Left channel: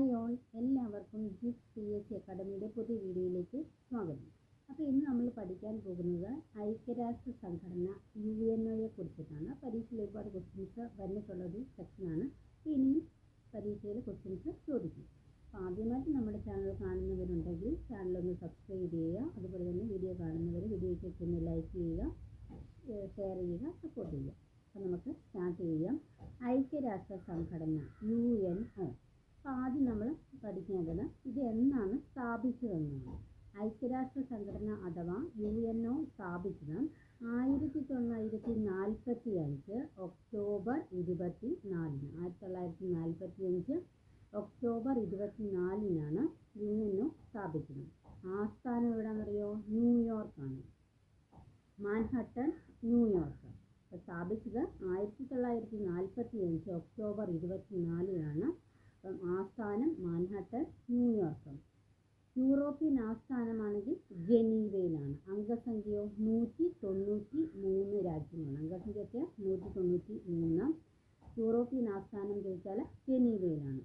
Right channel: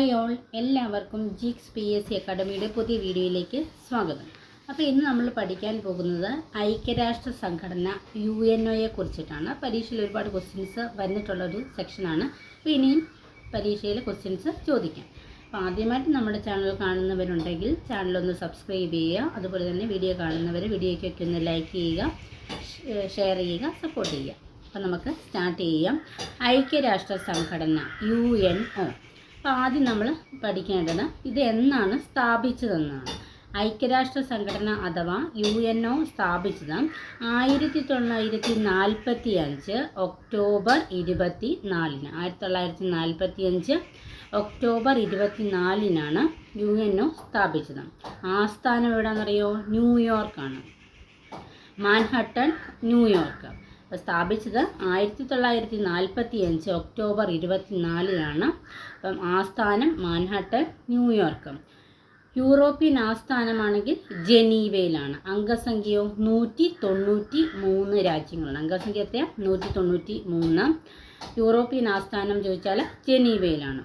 Hi all എല്ലാവർക്കും ജിക്സ് P S C അക്കാഡമിയുടെ പുതിയ വീഡിയോയിലേക്ക് സ്വാഗതം. അപ്പോൾ ഇന്ന് നമ്മൾ പഠിക്കാൻ പോകുന്നത് ഐക്യരാഷ്ട്ര സംഘടന യു എൻ ഒയെ കുറിച്ചിട്ടാണ്. പരീക്ഷയിൽ ഒരുപാട് ക്വസ്റ്റ്യൻസ് വന്നിട്ടുള്ള ഒരു സെക്ഷനാണ് അപ്പോൾ ഇനിയും പരീക്ഷയിൽ ക്വസ്റ്റ്യൻസ് ചോദിക്കാം. അപ്പോൾ ആദ്യമായിട്ട് നമ്മുടെ ചാനൽ കാണുന്നവരുണ്ടെങ്കിൽ ചാനലൊന്ന് സബ്സ്ക്രൈബ് ചെയ്യുക. അതുപോലെ തന്നെ വീഡിയോ കാണുന്നവർ വീഡിയോയ്ക്കൊക്കെ ഒന്ന് ലൈക്ക് ചെയ്യുക ഷെയർ ചെയ്യുക സപ്പോർട്ട് ചെയ്യുക. അപ്പോൾ നമുക്ക് സ്റ്റാർട്ട് ചെയ്യാം. ഐക്യരാഷ്ട്ര സംഘടന യു എൻ ഒ അപ്പോൾ ആദ്യം നമ്മൾ പഠിക്കേണ്ടത് ഇത് എന്നാണ് സ്ഥാപിച്ചതെന്നാണ്. ഐക്യരാഷ്ട്ര സംഘടന അഥവാ യു എൻ ഒ സ്ഥാപിച്ചത് ആയിരത്തി തൊള്ളായിരത്തി നാൽപ്പത്തി അഞ്ച് ഒക്ടോബർ ഇരുപത്തി നാലിന് ആയിരത്തി തൊള്ളായിരത്തി നാൽപ്പത്തി അഞ്ച് ഒക്ടോബർ ഇരുപത്തി നാലിനാണ് യു എൻ ഒ സ്ഥാപിച്ചത്. ആസ്ഥാനം എവിടെയാണെന്നറിയോ? ന്യൂയോർക്കാണ്. മാൻഹട്ടൺ ന്യൂയോർക്ക്. സ്ഥാപിച്ചത് ആയിരത്തി തൊള്ളായിരത്തി നാൽപ്പത്തി അഞ്ച് ഒക്ടോബർ ഇരുപത്തിനാലിനാണ്. അപ്പം ആസ്ഥാനം മാൻഹാട്ടൻ ന്യൂയോർക്ക്. യൂറോപ്യൻ ആസ്ഥാനമാണെങ്കിൽ ജനീവയിലാണ്. അംഗസംഖ്യയോ നൂറ്റി തൊണ്ണൂറ്റി മൂന്ന് രാജ്യങ്ങളാണ് അംഗസംഖ്യ എത്രയാ? നൂറ്റി തൊണ്ണൂറ്റി മൂന്ന് യൂറോപ്യൻ ആസ്ഥാനം ചോദിച്ചാൽ ജനീവയിലാണ്.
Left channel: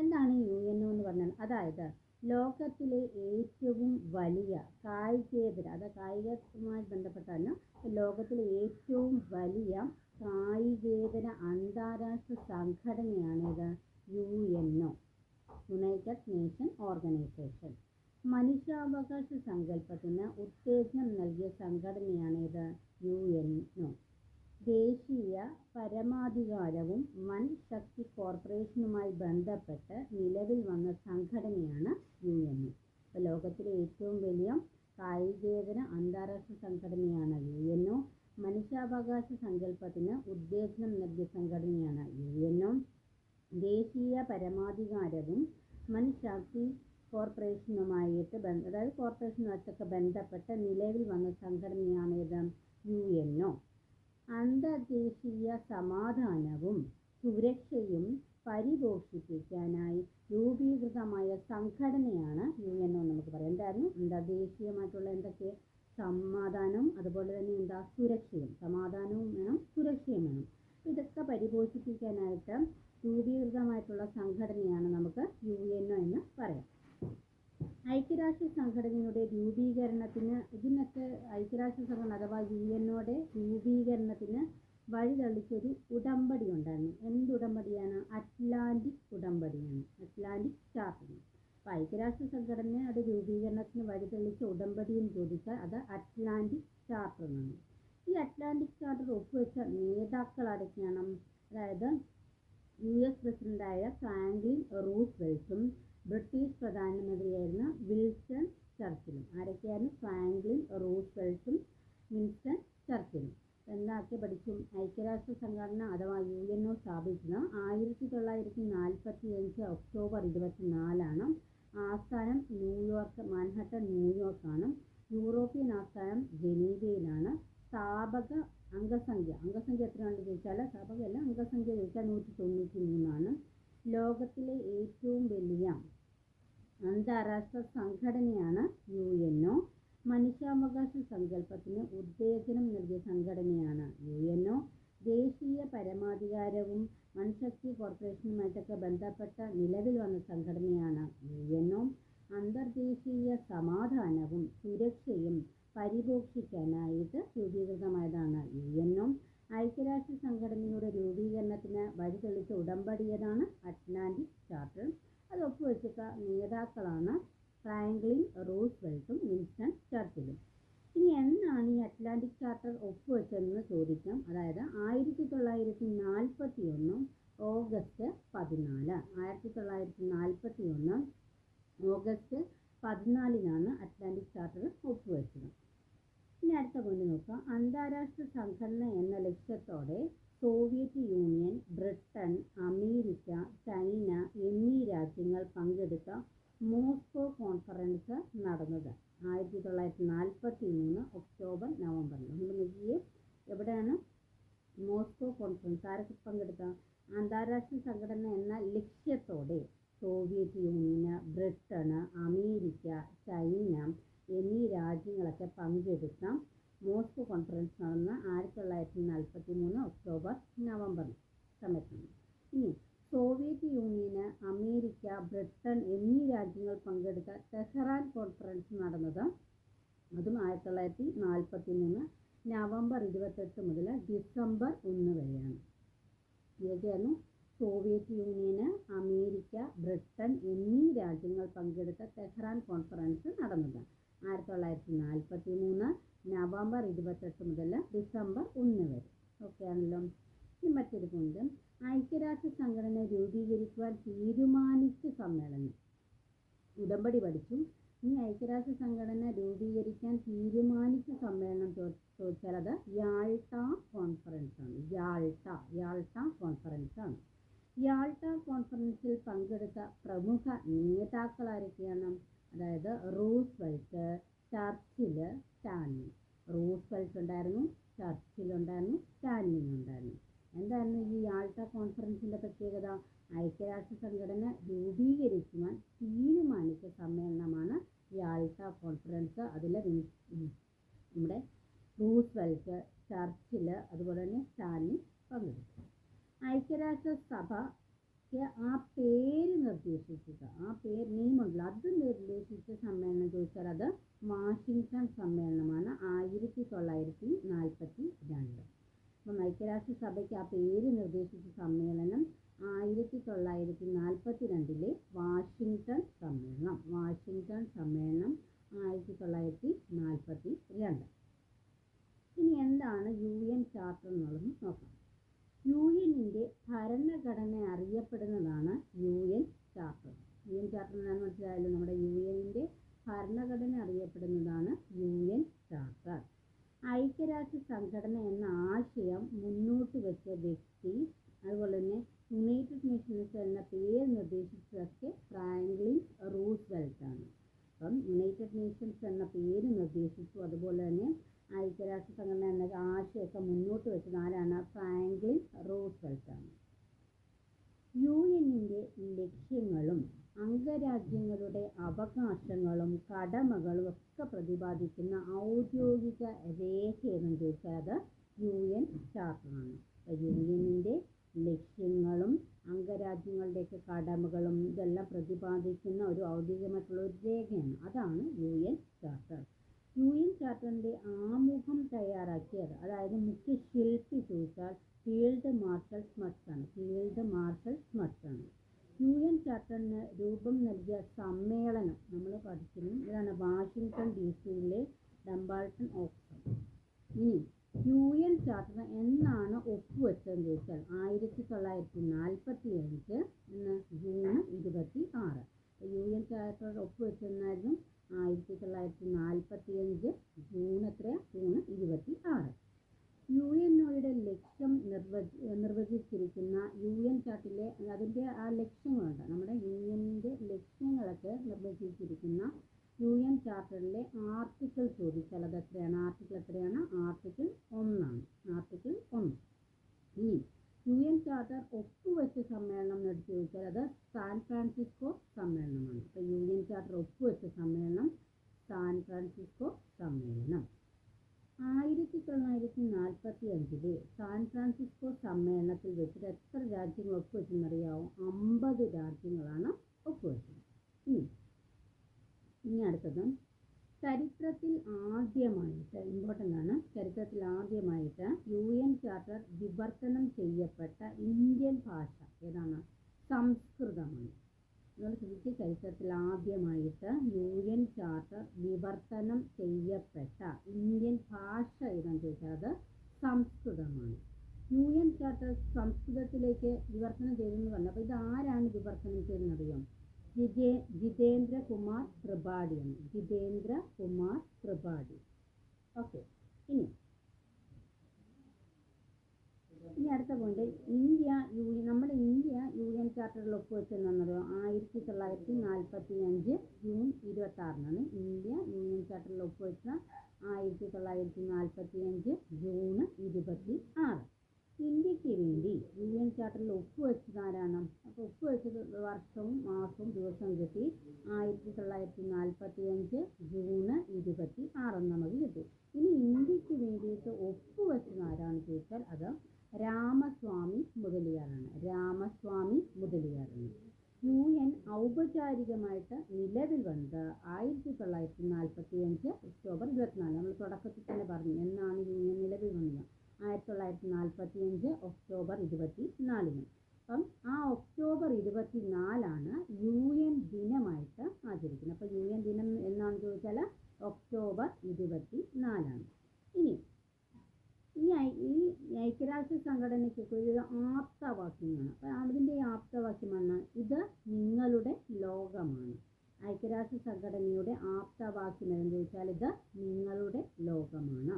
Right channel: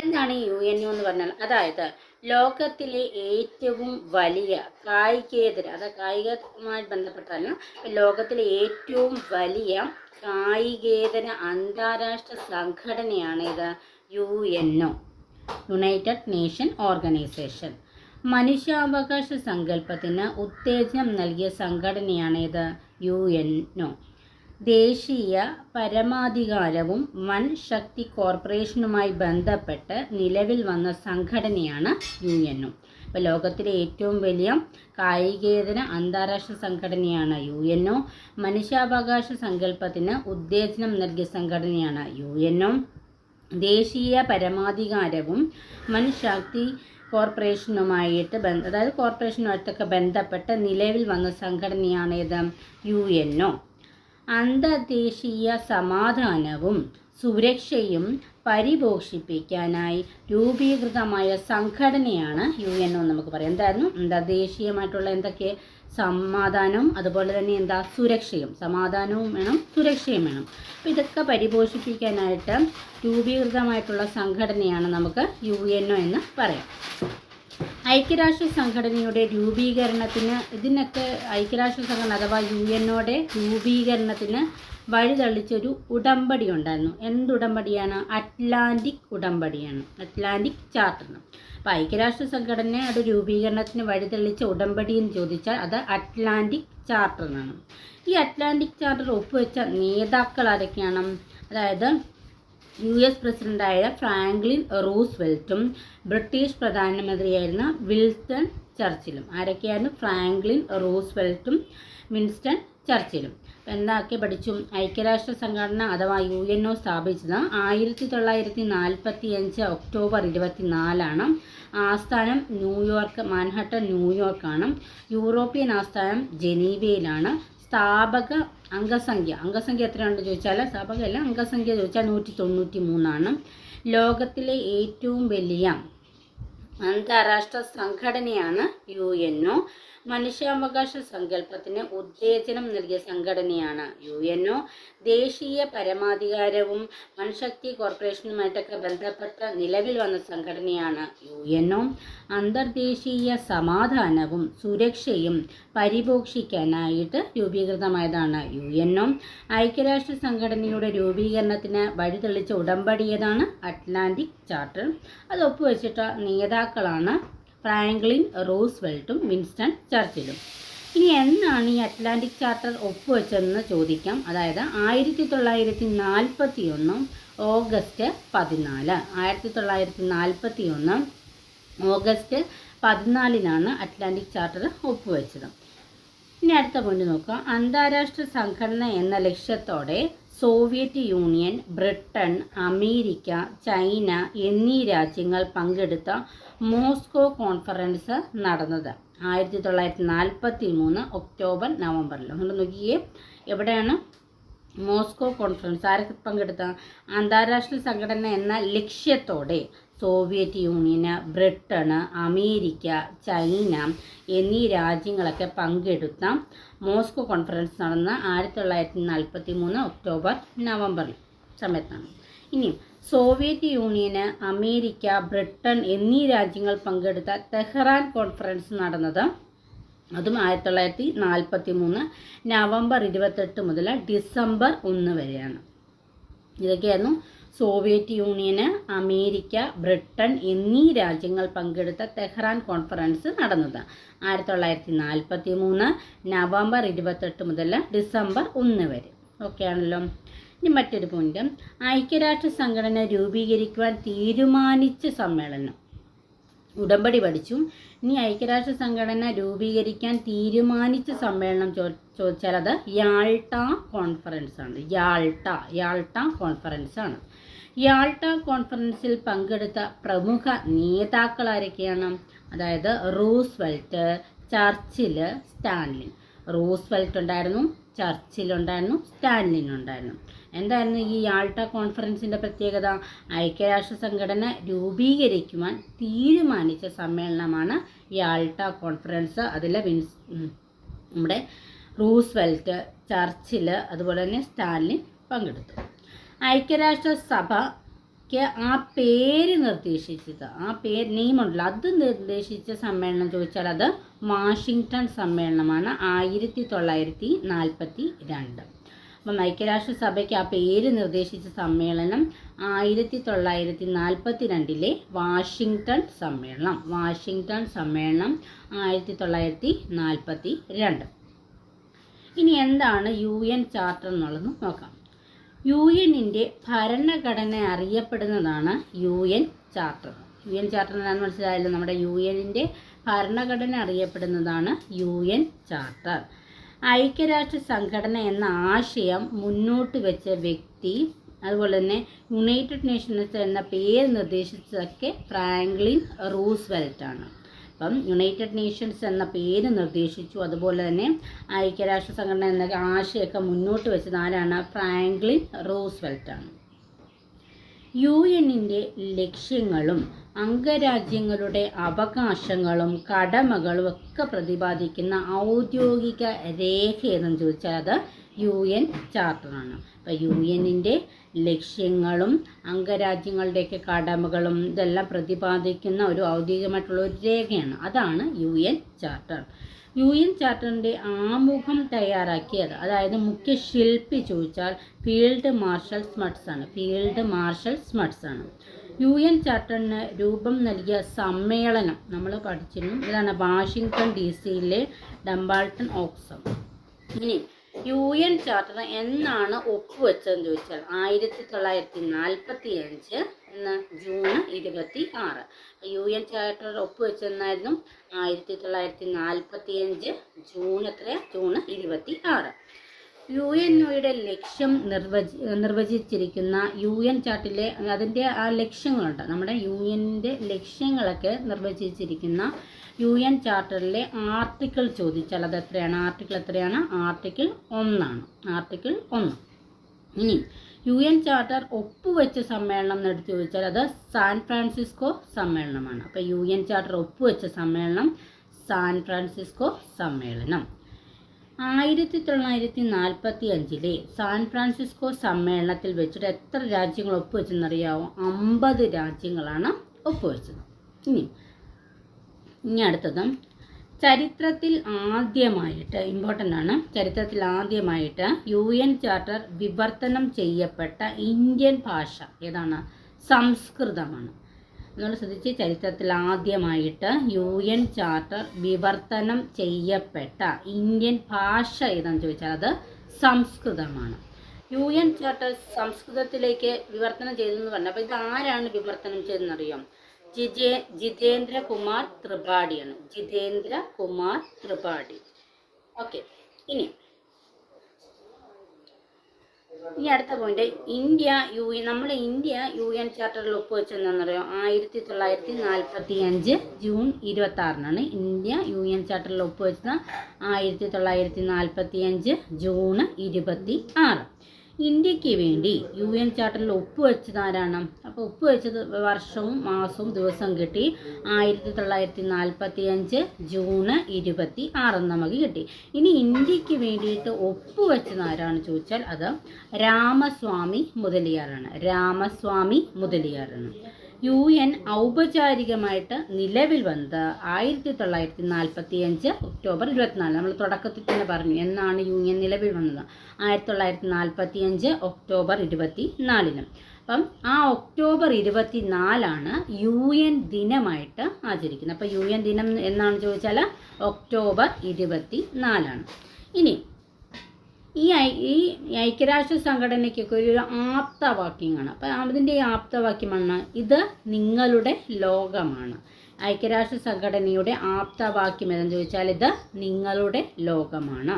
എന്താണ് യു എൻ യു എന്ന് പറഞ്ഞാൽ? അതായത് ലോകത്തിലെ ഏറ്റവും വലിയ കായികേതര അത് കായികവുമായി ബന്ധപ്പെട്ടാലും ലോകത്തിലെ ഏറ്റവും വലിയ കായികേതര അന്താരാഷ്ട്ര സംഘടനയാണ് ഇത് U N O united nation organisation മനുഷ്യാവകാശ സങ്കല്പത്തിന് ഉത്തേജനം നൽകിയ സംഘടനയാണ് ഇത് യു എൻ ഒ. ദേശീയ പരമാധികാരവും വൻ ശക്തി കോർപ്പറേഷനുമായി ബന്ധപ്പെട്ട് നിലവിൽ വന്ന സംഘടനയാണ് യു എൻ ഒ. ഇപ്പോൾ ലോകത്തിലെ ഏറ്റവും വലിയ കായികേതര അന്താരാഷ്ട്ര സംഘടനയാണ് യു എൻ ഒ. മനുഷ്യാവകാശ സങ്കല്പത്തിന് ഉത്തേജനം നൽകിയ സംഘടനയാണ് യു എൻ ഒ. ദേശീയ പരമാധികാരവും ശക്തി കോർപ്പറേഷനുമായിട്ട് ബന്ധ അതായത് കോർപ്പറേഷനുമായിട്ടൊക്കെ ബന്ധപ്പെട്ട് നിലവിൽ വന്ന സംഘടനയാണ് ഇത് യു എൻ ഒ അന്തർദേശീയ സമാധാനവും സുരക്ഷയും പരിപോഷിപ്പിക്കാനായി രൂപീകൃതമായ സംഘടനയാണ് യു എൻ ഒ നമുക്ക് പറയാം. എന്തായിരുന്നു? അന്തർദേശീയമായിട്ടുള്ള എന്തൊക്കെ സമാധാനവും അതുപോലെ തന്നെ എന്താ സുരക്ഷയും. സമാധാനവും വേണം സുരക്ഷയും വേണം. അപ്പോൾ ഇതൊക്കെ പരിപോഷിപ്പിക്കാനായിട്ട് രൂപീകൃതമായിട്ടുള്ള സംഘടനയാണ് നമുക്ക് യു എന്ന് പറയാം. ഐക്യരാഷ്ട്ര സംഘടനയുടെ രൂപീകരണത്തിന് ഇതിനൊക്കെ ഐക്യരാഷ്ട്ര സംഘടന അഥവാ യു എന്നോടെ രൂപീകരണത്തിന് വഴിതള്ളിച്ചൊരു ഉടമ്പടി ഉണ്ടായിരുന്നു. എന്ത് ഉടമ്പടിയാണ് അറ്റ്ലാന്റിക് ഉടമ്പടിയാണ്. അറ്റ്ലാന്റിക് ചാർട്ടർ അപ്പോൾ ഐക്യരാഷ്ട്ര സംഘടനയുടെ രൂപീകരണത്തിന് വഴിതെളിച്ച ഉടമ്പടി എന്ന് ചോദിച്ചാൽ അത് അറ്റ്ലാന്റിക് ചാർട്ടർ എന്നാണ്. ഈ അറ്റ്ലാന്റിക് ചാർട്ടർ ഒപ്പുവെച്ച നേതാക്കൾ ആരൊക്കെയാണ്? അതായത് യു എസ് പ്രസിഡന്റായ ഫ്രാങ്ക്ലിൻ റൂസ്വെൽറ്റും ബ്രിട്ടീഷ് പ്രധാനമന്ത്രിയായിരുന്ന വിൽസൺ ചർച്ചിലും. ആരൊക്കെയായിരുന്നു? ഫ്രാങ്ക്ലിൻ റൂസ്വെൽറ്റും വിൻസ്റ്റൺ ചർച്ചിലും. എന്താക്കി പഠിച്ചു ഐക്യരാഷ്ട്ര സംഘടന അഥവാ യു എൻ ഒ സ്ഥാപിച്ചത് ആയിരത്തി തൊള്ളായിരത്തി നാൽപ്പത്തി അഞ്ച് ഒക്ടോബർ ഇരുപത്തി നാലാണ് ആസ്ഥാനം ന്യൂയോർക്ക് മാൻഹട്ടൺ ന്യൂയോർക്കാണ്. യൂറോപ്യൻ ആസ്ഥാനം ജനീവയിലാണ്. സ്ഥാപക അംഗസംഖ്യ അംഗസംഖ്യ എത്രയാണെന്ന് ചോദിച്ചാൽ സ്ഥാപകമല്ല അംഗസംഖ്യ ചോദിച്ചാൽ നൂറ്റി തൊണ്ണൂറ്റി മൂന്നാണ് ലോകത്തിലെ ഏറ്റവും വലിയ അന്താരാഷ്ട്ര സംഘടനയാണ് യു എൻ ഒ. മനുഷ്യാവകാശ സങ്കല്പത്തിന് ഉത്തേജനം നൽകിയ സംഘടനയാണ് യു എൻ ഒ. ദേശീയ പരമാധികാരവും മനുശക്തി കോർപ്പറേഷനുമായിട്ടൊക്കെ ബന്ധപ്പെട്ട നിലവിൽ വന്ന സംഘടനയാണ് യു എൻ ഒ. അന്തർദേശീയ സമാധാനവും സുരക്ഷയും പരിപോഷിക്കാനായിട്ട് രൂപീകൃതമായതാണ് യു എൻ ഒ. ഐക്യരാഷ്ട്ര സംഘടനയുടെ രൂപീകരണത്തിന് വഴിതെളിച്ച ഉടമ്പടിയതാണ് അറ്റ്ലാന്റിക് ചാർട്ടർ. അത് ഒപ്പുവെച്ചിട്ട നേതാക്കളാണ് ഫ്രാങ്ക്ലിൻ റൂസ്വെൽട്ടും വിൻസ്റ്റൺ ചർച്ചിലും. ഇനി എന്നാണ് ഈ അറ്റ്ലാന്റിക് ചാർട്ടർ ഒപ്പുവെച്ചതെന്ന് ചോദിക്കാം. അതായത് ആയിരത്തി തൊള്ളായിരത്തി നാൽപ്പത്തി ഒന്ന് ഓഗസ്റ്റ് പതിനാല്. ആയിരത്തി തൊള്ളായിരത്തി നാൽപ്പത്തി ഒന്ന് ഓഗസ്റ്റ് പതിനാലിനാണ് അറ്റ്ലാന്റിക് ചാർട്ടർ ഒപ്പുവെച്ചത്. ഇനി അടുത്ത പോയിന്റ് നോക്കുക. അന്താരാഷ്ട്ര സംഘടന എന്ന ലക്ഷ്യത്തോടെ Soviet union Britain America China എന്നീ രാജ്യങ്ങൾ പങ്കെടുത്ത മോസ്കോ കോൺഫറൻസ് നടന്നത്. ആയിരത്തി തൊള്ളായിരത്തി നാൽപ്പത്തി മൂന്ന് ഒക്ടോബർ നവംബറിൽ. നമ്മൾ നോക്കിയേ എവിടെയാണ് മോസ്കോ കോൺഫറൻസ്? ആരൊക്കെ പങ്കെടുത്ത? അന്താരാഷ്ട്ര സംഘടന എന്ന ലക്ഷ്യത്തോടെ സോവിയറ്റ് യൂണിയന് ബ്രിട്ടന് അമേരിക്ക ചൈന എന്നീ രാജ്യങ്ങളൊക്കെ പങ്കെടുത്ത മോസ്കോ കോൺഫറൻസ് നടന്ന ആയിരത്തി തൊള്ളായിരത്തി നാൽപ്പത്തി മൂന്ന് ഒക്ടോബർ നവംബറിൽ സമയത്താണ്. ഇനിയും സോവിയറ്റ് യൂണിയന് അമേരിക്ക ബ്രിട്ടൻ എന്നീ രാജ്യങ്ങൾ പങ്കെടുത്ത തെഹ്റാൻ കോൺഫറൻസ് നടന്നത് അതും ആയിരത്തി തൊള്ളായിരത്തി നാൽപ്പത്തി മൂന്ന് നവംബർ ഇരുപത്തെട്ട് മുതൽ ഡിസംബർ ഒന്ന് വരെയാണ്. ഇതൊക്കെയായിരുന്നു സോവിയറ്റ് യൂണിയന് അമേരിക്ക ബ്രിട്ടൻ എന്നീ രാജ്യങ്ങൾ പങ്കെടുത്ത തെഹ്റാൻ കോൺഫറൻസ് നടന്നത്. ആയിരത്തി തൊള്ളായിരത്തി നാൽപ്പത്തി മൂന്ന് നവംബർ ഇരുപത്തെട്ട് മുതൽ ഡിസംബർ ഒന്ന് വരെ. ഓക്കെ ആണല്ലോ ഇനി മറ്റൊരു പോയിന്റ് ഐക്യരാഷ്ട്ര സംഘടന രൂപീകരിക്കുവാൻ തീരുമാനിച്ച സമ്മേളനം. ഉടമ്പടി പഠിച്ചു. ഇനി ഐക്യരാഷ്ട്ര സംഘടന രൂപീകരിക്കാൻ തീരുമാനിച്ച സമ്മേളനം ചോദിച്ചാൽ അത് യാൾട്ട കോൺഫറൻസ് ആണ്. യാൾട്ട യാൾട്ട കോൺഫറൻസ് ആണ്. യാൾട്ട കോൺഫറൻസിൽ പങ്കെടുത്ത പ്രമുഖ നേതാക്കൾ ആരൊക്കെയാണ്? അതായത് റൂസ്വെൽറ്റ് ചർച്ചിൽ സ്റ്റാൻലിൻ. റൂസ്വെൽറ്റ് ഉണ്ടായിരുന്നു ചർച്ചിൽ ഉണ്ടായിരുന്നു സ്റ്റാൻലിൻ ഉണ്ടായിരുന്നു. എന്തായിരുന്നു ഈ യാൾട്ട കോൺഫറൻസിന്റെ പ്രത്യേകത? ഐക്യരാഷ്ട്ര സംഘടന രൂപീകരിക്കുവാൻ തീരുമാനിച്ച സമ്മേളനമാണ് യാൾട്ട കോൺഫറൻസ്. അതിൽ വിൻസ് നമ്മുടെ റൂസ്വെൽറ്റ് ചർച്ചിൽ അതുപോലെ തന്നെ സ്റ്റാലിൻ പങ്കെടുത്തു. ഐക്യരാഷ്ട്ര സഭയ്ക്ക് ആ പേര് നിർദ്ദേശിച്ചത് ആ പേര് നെയ്മുണ്ടല്ലോ. അത് നിർദ്ദേശിച്ച സമ്മേളനം ചോദിച്ചാൽ അത് വാഷിങ്ടൺ സമ്മേളനമാണ്. ആയിരത്തി തൊള്ളായിരത്തി നാൽപ്പത്തി രണ്ട്. അപ്പം ഐക്യരാഷ്ട്ര സഭയ്ക്ക് ആ പേര് നിർദ്ദേശിച്ച സമ്മേളനം ആയിരത്തി തൊള്ളായിരത്തി നാൽപ്പത്തി രണ്ടിലെ വാഷിങ്ടൺ സമ്മേളനം വാഷിങ്ടൺ സമ്മേളനം ആയിരത്തി തൊള്ളായിരത്തി നാൽപ്പത്തി രണ്ട് ഇനി എന്താണ് യു എൻ ചാർട്ടർ എന്നുള്ളത് നോക്കാം. യു എന്നിന്റെ ഭരണഘടന അറിയപ്പെടുന്നതാണ് U N charter. U N charter എന്താണെന്ന് മനസ്സിലായല്ലോ? നമ്മുടെ യു എന്നിന്റെ ഭരണഘടന അറിയപ്പെടുന്നതാണ് യു എൻ ചാർട്ടർ. ഐക്യരാഷ്ട്ര സംഘടന എന്ന ആശയം മുന്നോട്ട് വെച്ച വ്യക്തി അതുപോലെ തന്നെ യുണൈറ്റഡ് നേഷൻസ് എന്ന പേര് നിർദ്ദേശിച്ചതൊക്കെ ഫ്രാങ്ക്ലിൻ റൂസ്വെൽറ്റ് ആണ്. അപ്പം യുണൈറ്റഡ് നേഷൻസ് എന്ന പേര് നിർദ്ദേശിച്ചു. അതുപോലെ തന്നെ ഐക്യരാഷ്ട്ര സംഘടന എന്ന ആശയമൊക്കെ മുന്നോട്ട് വെച്ചത് ആരാണ്? ഫ്രാങ്ക്ലിൻ റൂസ്വെൽറ്റ് ആണ്. യു എന്നിന്റെ ലക്ഷ്യങ്ങളും അംഗരാജ്യങ്ങളുടെ അവകാശങ്ങളും കടമകളും ഒക്കെ പ്രതിപാദിക്കുന്ന ഔദ്യോഗിക രേഖ ഏതെന്ന് ചോദിച്ചാൽ അത് യു എൻ ചാർട്ടറാണ്. അപ്പോൾ യു എന്നിന്റെ ലക്ഷ്യങ്ങളും അംഗരാജ്യങ്ങളുടെയൊക്കെ കടമകളും ഇതെല്ലാം പ്രതിപാദിക്കുന്ന ഒരു ഔദ്യോഗികമായിട്ടുള്ള ഒരു രേഖയാണ്. അതാണ് U N charter. U N ചാർട്ടറിന്റെ ആമുഖം തയ്യാറാക്കിയത് അതായത് മുഖ്യ ശില്പി ചോദിച്ചാൽ ഫീൽഡ് മാർഷൽ സ്മട്സ് ആണ്. ഫീൽഡ് മാർഷൽ സ്മട്സ് ആണ്. യു എൻ ചാർട്ടറിന് രൂപം നൽകിയ സമ്മേളനം നമ്മൾ പഠിച്ചിരുന്നു. ഇതാണ് വാഷിങ്ടൺ ഡി സിയിലെ ഡംബാൾട്ടൺ ഓക്സം. ഇനി യു എൻ ചാർട്ടർ എന്നാണ് ഒപ്പുവെച്ചതെന്ന് ചോദിച്ചാൽ ആയിരത്തി തൊള്ളായിരത്തി നാൽപ്പത്തി അഞ്ച് എന്ന് ജൂൺ ഇരുപത്തി ആറ്. യു എൻ ചാർട്ടർ ഒപ്പുവെച്ചെന്നായിരുന്നു ആയിരത്തി തൊള്ളായിരത്തി നാൽപ്പത്തി അഞ്ച് ജൂൺ എത്ര ജൂൺ ഇരുപത്തി ആറ്. യു എൻ ഒയുടെ ലക്ഷ്യം നിർവചി നിർവചിച്ചിരിക്കുന്ന യു എൻ ചാർട്ടിലെ അതിന്റെ ആ ലക്ഷ്യങ്ങളുണ്ട്. നമ്മുടെ യു എന്റെ ലക്ഷ്യങ്ങളൊക്കെ നിർവചിച്ചിരിക്കുന്ന യു എൻ ചാർട്ടറിലെ ആർട്ടിക്കിൾ ചോദിച്ചാൽ അത് എത്രയാണ് ആർട്ടിക്കിൾ എത്രയാണ്? ആർട്ടിക്കിൾ ഒന്നാണ്. ആർട്ടിക്കിൾ ഒന്ന്. ഇനി യു എൻ ചാർട്ടർ ഒപ്പുവെച്ച സമ്മേളനം എടുത്ത് ചോദിച്ചാൽ അത് സാൻ ഫ്രാൻസിസ്കോ സമ്മേളനമാണ്. അപ്പോൾ യു എൻ ചാർട്ടർ ഒപ്പുവെച്ച സമ്മേളനം സാൻ ഫ്രാൻസിസ്കോ സമ്മേളനം. ആയിരത്തി തൊള്ളായിരത്തി നാൽപ്പത്തി അഞ്ചിലെ സാൻ ഫ്രാൻസിസ്കോ സമ്മേളനത്തിൽ വെച്ചിട്ട് എത്ര രാജ്യങ്ങൾ ഒപ്പുവെച്ചെന്നറിയാവോ? അമ്പത് രാജ്യങ്ങളാണ് ഒപ്പുവെച്ചത്. ഇനി ഇനി അടുത്തത്. ചരിത്രത്തിൽ ആദ്യമായിട്ട് ഇമ്പോർട്ടന്റ് ആണ് ചരിത്രത്തിൽ ആദ്യമായിട്ട് യു എൻ ചാർട്ടർ വിവർത്തനം ചെയ്യപ്പെട്ട ഇന്ത്യൻ ഭാഷ ഏതാണ്? സംസ്കൃതമാണ്. നമ്മൾ ശ്രദ്ധിച്ച് ചരിത്രത്തിൽ ആദ്യമായിട്ട് യു എൻ ചാർട്ടർ വിവർത്തനം ചെയ്യപ്പെട്ട ഇന്ത്യൻ ഭാഷ ഏതാണെന്ന് ചോദിച്ചാൽ അത് സംസ്കൃതമാണ്. യു എൻ ചാർട്ടർ സംസ്കൃതത്തിലേക്ക് വിവർത്തനം ചെയ്തെന്ന് പറഞ്ഞു അപ്പോൾ ഇത് ആരാണ് വിവർത്തനം ചെയ്തെന്നറിയാം ജിജേ ജിതേന്ദ്ര കുമാർ ത്രിപാഠിയാണ്. ജിതേന്ദ്ര കുമാർ ത്രിപാഠി. ഓക്കെ ഇനി ഇനി അടുത്ത പോയിന്റ് ഇന്ത്യ യു എൻ നമ്മുടെ ഇന്ത്യ യു എൻ ചാർട്ടറിൽ ഒപ്പുവെച്ചെന്നറിയാം ആയിരത്തി തൊള്ളായിരത്തി നാൽപ്പത്തി അഞ്ച് ജൂൺ ഇരുപത്തി ആറിനാണ് ഇന്ത്യ യു എൻ ചാർട്ടറിൽ ഒപ്പുവെച്ചത് ആയിരത്തി തൊള്ളായിരത്തി നാൽപ്പത്തി അഞ്ച് ജൂൺ ഇരുപത്തി ആറ് ഇന്ത്യയ്ക്ക് വേണ്ടി യു എൻ ചാർട്ടറിൽ ഒപ്പുവെച്ചത് ആരാണ്? അപ്പോൾ ഒപ്പുവെച്ചത് വർഷവും മാസവും ദിവസവും കിട്ടി. ആയിരത്തി തൊള്ളായിരത്തി നാൽപ്പത്തി അഞ്ച് ജൂണ് ഇരുപത്തി ആറെന്ന് നമുക്ക് കിട്ടി. ഇനി ഇന്ത്യയ്ക്ക് വേണ്ടിയിട്ട് ഒപ്പുവെച്ചത് ആരാണ് ചോദിച്ചാൽ അത് രാമസ്വാമി മുതലിയാറാണ്. രാമസ്വാമി മുതലിയാറാണ്. യു എൻ ഔപചാരികമായിട്ട് നിലവിൽ വന്നത് ആയിരത്തി തൊള്ളായിരത്തി നാൽപ്പത്തി അഞ്ച് ഒക്ടോബർ ഇരുപത്തിനാല് നമ്മൾ തുടക്കത്തിൽ തന്നെ പറഞ്ഞു എന്നാണ് യു എൻ നിലവിൽ വന്നത്. ആയിരത്തി തൊള്ളായിരത്തി നാൽപ്പത്തി അഞ്ച് ഒക്ടോബർ ഇരുപത്തി നാലിന് അപ്പം ആ ഒക്ടോബർ ഇരുപത്തി നാലാണ് യു എൻ ദിനമായിട്ട് ആചരിക്കുന്നത്. അപ്പോൾ യു എൻ ദിനം എന്നാണ് ചോദിച്ചാൽ ഒക്ടോബർ ഇരുപത്തി നാലാണ് ഇനി ഈ ഈ ഐക്യരാഷ്ട്ര സംഘടനയ്ക്കൊക്കെ ഒരു ആപ്തവാക്യമാണ് അപ്പം അതിന്റെ ഈ ആപ്തവാക്യമാണ് ഇത് നിങ്ങളുടെ ലോകമാണ്. ഐക്യരാഷ്ട്ര സംഘടനയുടെ ആപ്തവാക്യം ഏതെന്ന് ചോദിച്ചാൽ ഇത് നിങ്ങളുടെ ലോകമാണ്.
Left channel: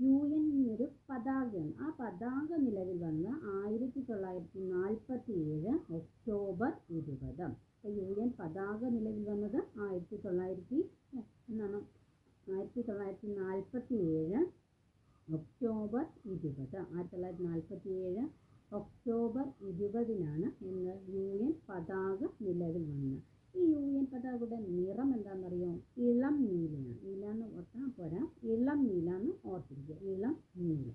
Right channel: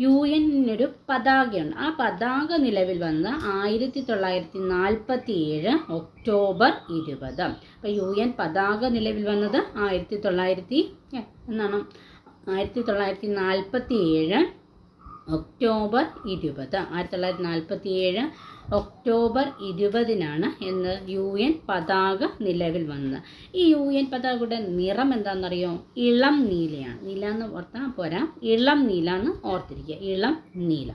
യു എന്നിനൊരു പതാകയുണ്ട് ആ പതാക നിലവിൽ വന്ന് ആയിരത്തി തൊള്ളായിരത്തി നാൽപ്പത്തി ഏഴ് ഒക്ടോബർ ഇരുപത്. അപ്പോൾ യു എൻ പതാക നിലവിൽ വന്നത് ആയിരത്തി തൊള്ളായിരത്തി എന്താണ്? ആയിരത്തി തൊള്ളായിരത്തി നാൽപ്പത്തി ഏഴ് ഒക്ടോബർ ഇരുപത്. ആയിരത്തി തൊള്ളായിരത്തി നാൽപ്പത്തി ഏഴ് ഒക്ടോബർ ഇരുപതിനാണ് എന്ന് യു എൻ പതാക നിലവിൽ വന്നത്. ഈ യു എൻ പതാകയുടെ നിറം എന്താണെന്നറിയോ? ഇളം നീലയാണ്. നീല എന്ന് ഓർത്താൽ പോരാ. ഇളം നീല എന്ന് ഓർത്തിരിക്കുക. ഇളം നീല.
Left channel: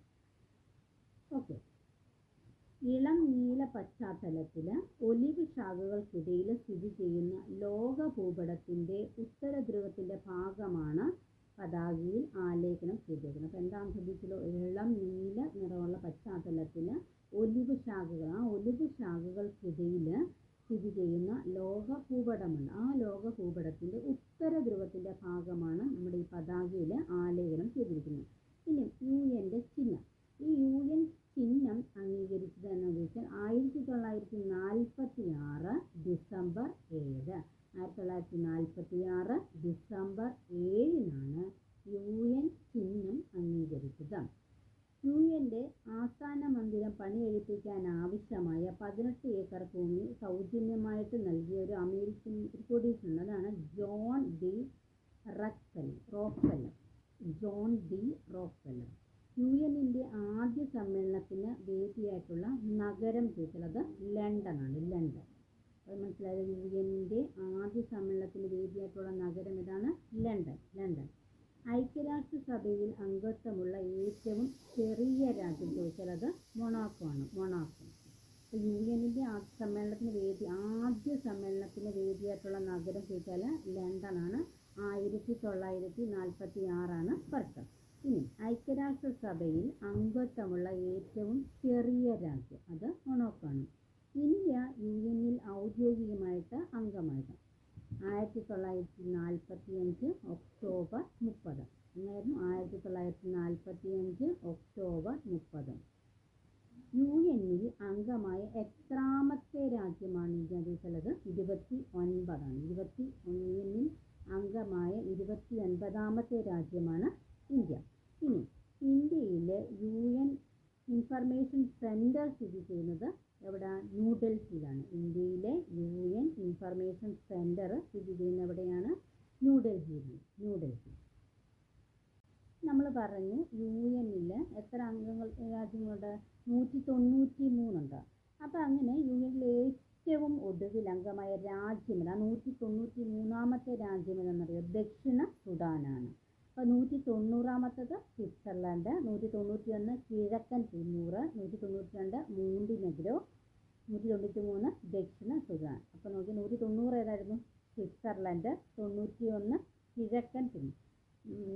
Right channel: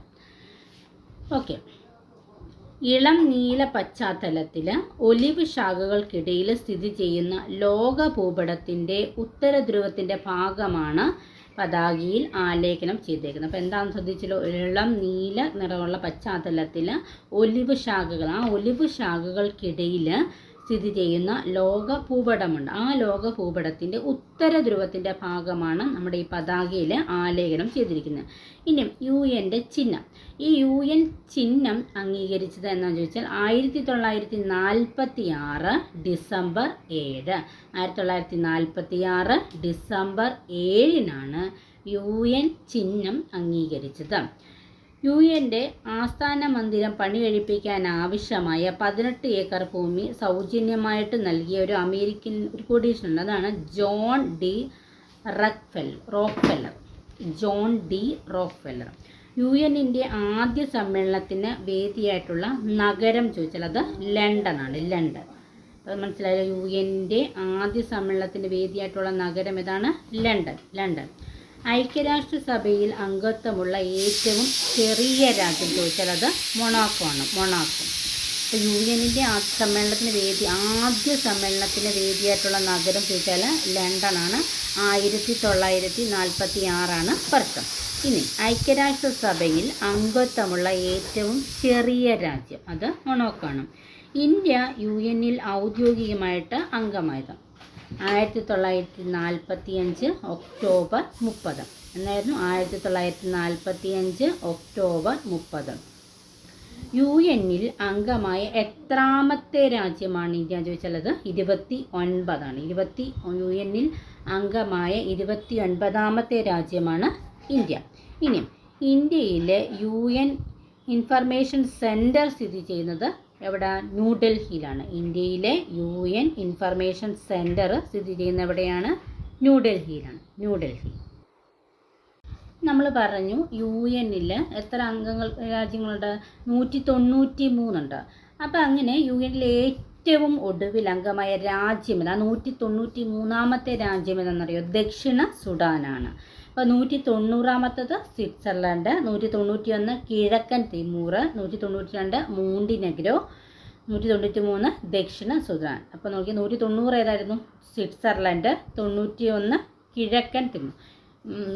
ഓക്കെ. ഇളം നീല പശ്ചാത്തലത്തിൽ ഒലിവ് ശാഖകൾക്കിടയിൽ സ്ഥിതി ചെയ്യുന്ന ലോക ഭൂപടത്തിന്റെ ഉത്തര ധ്രുവത്തിന്റെ ഭാഗമാണ് പതാകയിൽ ആലേഖനം ചെയ്തേക്കുന്നത് അപ്പോൾ എന്താണെന്ന് ശ്രദ്ധിച്ചല്ലോ? ഇളം നീല നിറമുള്ള പശ്ചാത്തലത്തിൽ ഒലിവ് ശാഖകൾ. ആ ഒലിവ് ശാഖകൾക്കിടയിൽ സ്ഥിതി ചെയ്യുന്ന ലോക ഭൂപടമുണ്ട് ആ ലോക ഭൂപടത്തിന്റെ ഉത്തര ധ്രുവത്തിന്റെ ഭാഗമാണ് നമ്മുടെ ഈ പതാകയിൽ ആലേഖനം ചെയ്തിരിക്കുന്നത്. ഇനി യു എന്റെ ചിഹ്നം. ഈ യു എൻ ചിഹ്നം അംഗീകരിച്ചത് എന്താണെന്ന് ചോദിച്ചാൽ ആയിരത്തി തൊള്ളായിരത്തി നാൽപ്പത്തി ആറ് ഡിസംബർ ഏഴ്. ആയിരത്തി തൊള്ളായിരത്തി നാൽപ്പത്തി ആറ് ഡിസംബർ ഏഴിനാണ് യു എൻ ചിഹ്നം അംഗീകരിച്ചത്. യു എന്റെ ആസ്ഥാന മന്ദിരം പണി കഴിപ്പിക്കാൻ ആവശ്യമായ പതിനെട്ട് ഏക്കർ ഭൂമി സൗജന്യമായിട്ട് നൽകിയ ഒരു അമേരിക്കൻ ഒരു കോടീശ്വരനുണ്ട് അതാണ് John D റക്ഫെൽ Rockefeller. John D Rockefeller. U എന്നിന്റെ ആദ്യ സമ്മേളനത്തിന് വേദിയായിട്ടുള്ള നഗരം ചോദിച്ചാൽ അത് ലണ്ടനാണ് ലണ്ടൻ. അത് മനസ്സിലായോ? യു എന്റെ ആദ്യ സമ്മേളനത്തിന് വേദിയായിട്ടുള്ള നഗരം ഏതാണ്? London London. ഐക്യരാഷ്ട്രസഭയിൽ അംഗത്വമുള്ള ഏറ്റവും ചെറിയ രാജ്യം ചോദിച്ചാൽ അത് മൊണാക്കോ ആണ് മൊണാക്കോ. അപ്പോൾ യു എന്നിന്റെ ആദ്യ സമ്മേളനത്തിന് വേദി ആദ്യ സമ്മേളനത്തിന് വേദിയായിട്ടുള്ള നഗരം ചോദിച്ചാൽ ലണ്ടനാണ്. ആയിരത്തി തൊള്ളായിരത്തി നാൽപ്പത്തി ആറാണ് വർഷം. ഇനി ഐക്യരാഷ്ട്രസഭയിൽ അംഗത്വമുള്ള ഏറ്റവും ചെറിയ രാജ്യം. അത് മൊണോക്കാണ് ഇന്ത്യ യു എന്നിൽ ഔദ്യോഗികമായിട്ട് അംഗമായത്. ആയിരത്തി തൊള്ളായിരത്തി നാൽപ്പത്തി അഞ്ച് ഒക്ടോബർ മുപ്പത്. എന്നായിരുന്നു ആയിരത്തി തൊള്ളായിരത്തി നാൽപ്പത്തി അഞ്ച് ഒക്ടോബർ മുപ്പത്. യു എന്നിൽ അംഗമായ എത്രാമത്തെ രാജ്യമാണ് ഇന്ത്യ എന്ന് ചോദിച്ചാൽ അത് ഇരുപത്തി ഒൻപതാണ് ഇരുപത്തി യു എന്നിൽ അംഗമായ ഇരുപത്തി ഒൻപതാമത്തെ രാജ്യമാണ് ഇന്ത്യ. ഇനിയും ഇന്ത്യയിലെ യു എൻ ഇൻഫർമേഷൻ സെന്റർ സ്ഥിതി ചെയ്യുന്നത് എവിടെ? ന്യൂഡൽഹിയിലാണ്. ഇന്ത്യയിലെ യു എൻ ഇൻഫർമേഷൻ സെന്റർ സ്ഥിതി ചെയ്യുന്ന എവിടെയാണ്? ന്യൂഡൽഹിയിലാണ്. ന്യൂഡൽഹി. നമ്മൾ പറഞ്ഞു യു എന്നിൽ എത്ര അംഗങ്ങൾ രാജ്യങ്ങളുണ്ട്? നൂറ്റി തൊണ്ണൂറ്റി മൂന്നുണ്ട് അപ്പോൾ അങ്ങനെ യു എന്നിൽ ഏറ്റവും ഒടുവിൽ അംഗമായ രാജ്യം ഏതാ? നൂറ്റി തൊണ്ണൂറ്റി മൂന്നാമത്തെ രാജ്യം ദക്ഷിണ സുഡാനാണ്. അപ്പോൾ നൂറ്റി തൊണ്ണൂറാമത്തത് സ്വിറ്റ്സർലൻഡ് നൂറ്റി തൊണ്ണൂറ്റി ഒന്ന് കിഴക്കൻ തിമൂർ നൂറ്റി തൊണ്ണൂറ്റി രണ്ട് മൂണ്ടിനെഗ്രോ നൂറ്റി തൊണ്ണൂറ്റി മൂന്ന് ദക്ഷിണ സുദാൻ. അപ്പോൾ നോക്കി നൂറ്റി തൊണ്ണൂറ് ഏതായിരുന്നു? സ്വിറ്റ്സർലൻഡ് തൊണ്ണൂറ്റി ഒന്ന് കിഴക്കൻ തിമൂർ.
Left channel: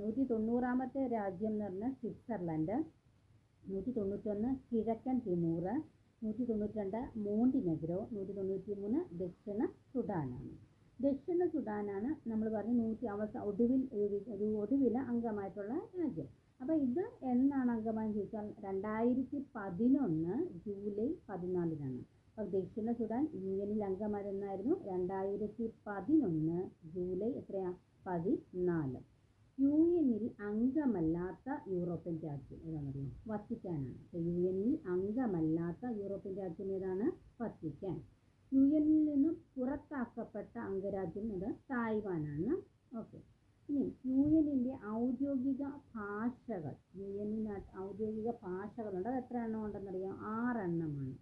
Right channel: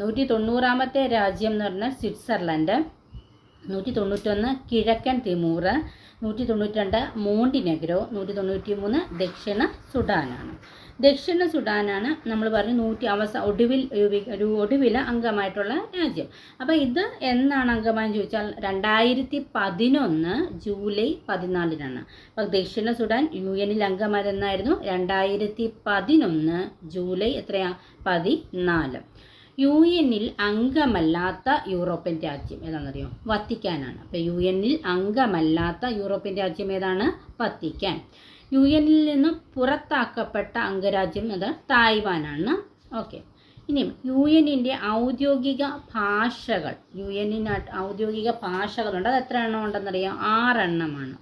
നൂറ്റി തൊണ്ണൂറാമത്തെ രാജ്യം എന്ന് പറഞ്ഞാൽ സ്വിറ്റ്സർലൻഡ് നൂറ്റി തൊണ്ണൂറ്റൊന്ന് കിഴക്കൻ തിമൂർ നൂറ്റി തൊണ്ണൂറ്റി രണ്ട് മോണ്ടിനെഗ്രോ നൂറ്റി തൊണ്ണൂറ്റി മൂന്ന് ദക്ഷിണ സുഡാനാണ് ദക്ഷിണ സുഡാനാണ് നമ്മൾ പറഞ്ഞു നൂറ്റി അവസ ഒടുവിൽ ഒടുവില അംഗമായിട്ടുള്ള രാജ്യം. അപ്പോൾ ഇത് എന്നാണ് അംഗമായെന്ന് ചോദിച്ചാൽ രണ്ടായിരത്തി പതിനൊന്ന് ജൂലൈ പതിനാലിനാണ്. അപ്പോൾ ദക്ഷിണ സുഡാൻ യു എനിൽ അംഗമായതെന്നായിരുന്നു രണ്ടായിരത്തി പതിനൊന്ന് ജൂലൈ എത്രയാ? പതിനാല്. യു എന്നിൽ അംഗമല്ലാത്ത യൂറോപ്യൻ രാജ്യം ഏതാണെന്നറിയോ? വത്തിക്കാനാണ്. അപ്പോൾ യു എന്നിൽ അംഗമല്ലാത്ത യൂറോപ്യൻ രാജ്യം ഏതാണ്? വത്തിക്കാൻ. യു എനിൽ നിന്ന് പുറത്താക്കപ്പെട്ട അംഗരാജ്യം അത് തായ്വാനാണ്. ഓക്കെ. ഇനി യു എനിന്റെ ഔദ്യോഗിക ഭാഷകൾ യു എനിന് ഔദ്യോഗിക ഭാഷകളുണ്ട്. അത് എത്ര എണ്ണം ഉണ്ടെന്നറിയാം? ആറെണ്ണമാണ്.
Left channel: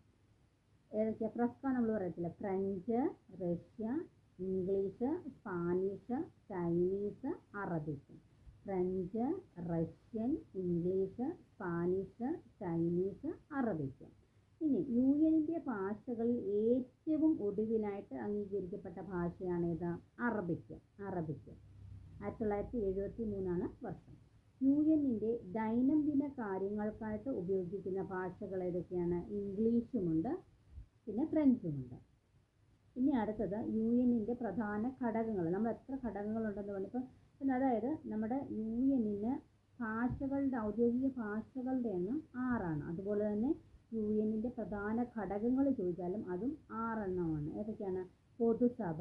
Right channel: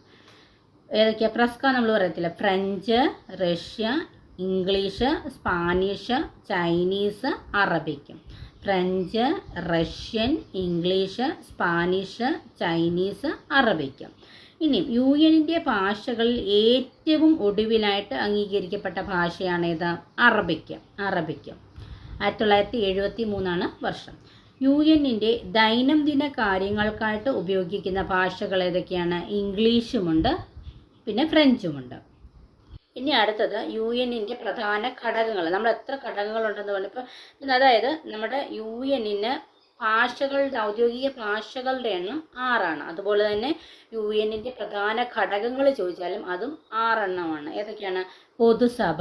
ഏതൊക്കെയാണ് പ്രസ്ക നമ്മൾ പറയത്തില്ല? French Russia English Spanish Chinese അറബിക്കും. French Russian English Spanish Chinese Arabic. ഇനി യു എന്നിന്റെ ഭാഷകളിൽ ഏറ്റവും ഒടുവിലായിട്ട് അംഗീകരിക്കപ്പെട്ട ഭാഷയാണ് ഏത് അറബിക്ക് അറബിക്ക്. ആയിരത്തി തൊള്ളായിരത്തി എഴുപത്തി മൂന്നാണ് വർഷം. യു എന്നിന്റെ ദൈനംദിന കാര്യങ്ങൾക്കായിട്ട് ഉപയോഗിക്കുന്ന ഭാഷകൾ ഏതൊക്കെയാണ്? ഇംഗ്ലീഷുമുണ്ട് പിന്നെ ഫ്രഞ്ചുമുണ്ട്. ഇനി അടുത്തത് യു എന്നിന്റെ പ്രധാന ഘടകങ്ങൾ. നമ്മൾ എത്ര ഘടകങ്ങളുണ്ടെന്ന് പറഞ്ഞപ്പോൾ അതായത് നമ്മുടെ യു എന്നിന് ഭാഷകളുടെ ഔദ്യോഗിക ഭാഷകളുടെ എണ്ണം ആറാണ്. അതുപോലെ തന്നെ യു എന്നിന്റെ പ്രധാന ഘടകങ്ങൾ ചോദിച്ചാലും അതും ആറെണ്ണമാണ്. ഏതൊക്കെയാണ്? പൊതുസഭ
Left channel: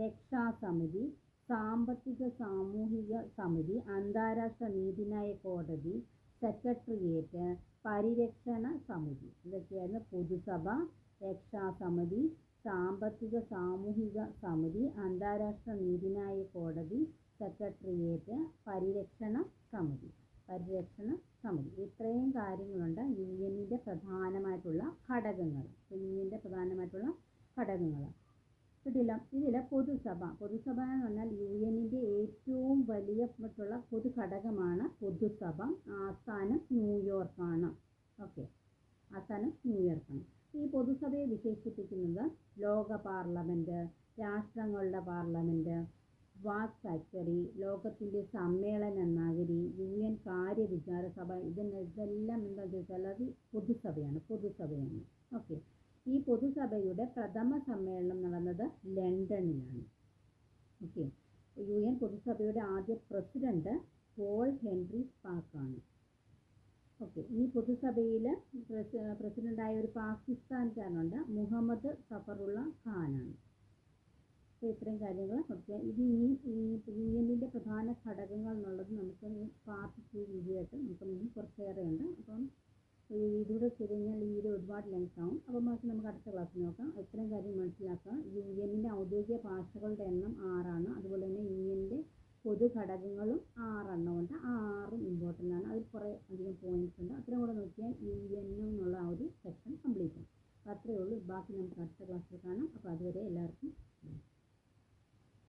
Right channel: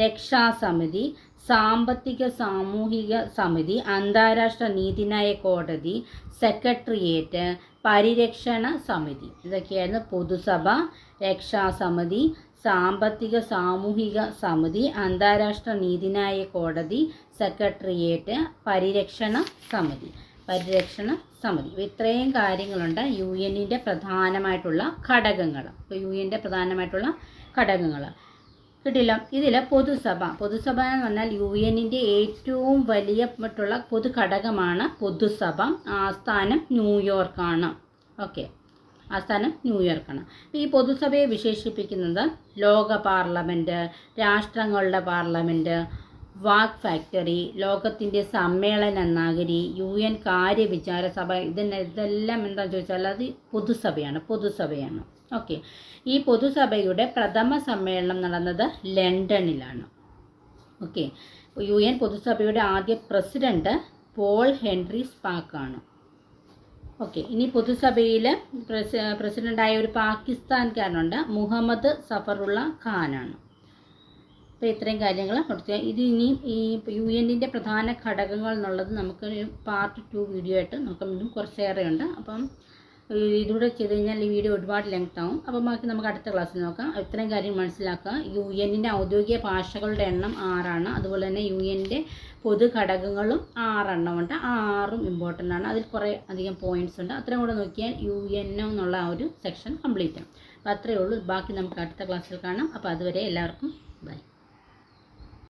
രക്ഷാസമിതി സാമ്പത്തിക സാമൂഹിക സമിതി അന്താരാഷ്ട്ര നീതിന്യായ കോടതി സെക്രട്ടേറിയറ്റ് പരിരക്ഷണ സമിതി. ഇതൊക്കെയായിരുന്നു പൊതുസഭ രക്ഷാസമിതി സാമ്പത്തിക സാമൂഹിക സമിതി അന്താരാഷ്ട്ര നീതിന്യായ കോടതി സെക്രട്ടേറിയറ്റ് പരിരക്ഷണ സമിതി. പരിരക്ഷണ സമിതി. ഇത്രയും കാര്യങ്ങളുണ്ട്. യു എന്നിന്റെ പ്രധാനമായിട്ടുള്ള ഘടകങ്ങൾ ഇപ്പോൾ യു എന്റെ പ്രധാനമായിട്ടുള്ള ഘടകങ്ങൾ കിട്ടില്ല? ഇതിൽ പൊതുസഭ. പൊതുസഭ എന്ന് പറഞ്ഞാൽ യു എന്നിന്റെ ഏറ്റവും വലിയ മറ്റുള്ള പൊതു ഘടകമാണ് പൊതുസഭ. ആസ്ഥാനം ന്യൂയോർക്കാണ് ഓക്കെ. ആസ്ഥാനം ന്യൂയോർക്കാണ് ഈ പൊതുസഭയെ വിശേഷിപ്പിക്കുന്നത് ലോക പാർലമെന്റ് രാഷ്ട്രങ്ങളുടെ പാർലമെന്റ് വാക് ഫാക്ടറി ലോകത്തിന്റെ സമ്മേളന നഗരി യു എൻ കാര്യവിചാര സഭ ഇതിന് ഇതെല്ലാം എന്താണെന്ന് ചോദിച്ചാൽ അത് പൊതുസഭയാണ് പൊതുസഭയാണ്. ഓക്കെ. ഈ പൊതുസഭയുടെ പ്രഥമ സമ്മേളനം നടന്നത് ലണ്ടനിലാണ്. ഓക്കെ. യു എൻ പൊതുസഭയുടെ ആദ്യ പ്രസിഡന്റ് പോൾ ഹെൻറി സ്പാക്കാണ്. ഓക്കെ. ഇനി പൊതുസഭയിൽ പ്രസി പ്രസിഡന്റായ ഒരു പാകിസ്ഥാൻകാരനുണ്ട് മുഹമ്മദ് സഫറുള്ള ഖാനാണ്. അപ്പോൾ ഇത്രയും കാര്യങ്ങൾ കൊടുക്കുക ഇത് ഇനി ഈ യു എന്നിന്റെ പ്രധാന ഘടകങ്ങൾ എന്നുള്ളത് നമുക്ക് പാർട്ട് ടു വീഡിയോ ആയിട്ട് നമുക്ക് വീണ്ടും കുറച്ചേറെ ഉണ്ട് അപ്പം ഇതുകൂടെ ചെയ്ത് കഴിഞ്ഞാൽ ഈ വീഡിയോ ഒരുപാട് ലെങ്ത് ആവും. അപ്പം ബാക്കി നമുക്ക് അടുത്ത ക്ലാസ്സിൽ നോക്കാം. ഇത്രയും കാര്യം മനസ്സിലാക്കുക. യു എന്നിന്റെ ഔദ്യോഗിക ഭാഷകളുടെ എണ്ണം ആറാണ്. അതുപോലെ തന്നെ യു എന്റെ പൊതു ഘടകങ്ങളും ആറെണ്ണമുണ്ട് ആ ആറും ഇമ്പോർട്ടന്റ് ആണ്. അതിൽ കുറേ അധികം പോയിന്റ്സ് ഉണ്ട്. അത്രയും കൂടെ നോക്കിയാൽ യു എൻ എന്നുള്ള ആ ഒരു സെക്ഷൻ കംപ്ലീറ്റ് ആണ്. അപ്പോൾ അത്രയേ ഉള്ളൂ. ബാക്കി നമുക്ക് അടുത്ത ക്ലാസ്സിൽ കാണാം. അപ്പോൾ അതുവരെ എല്ലാവർക്കും ബൈ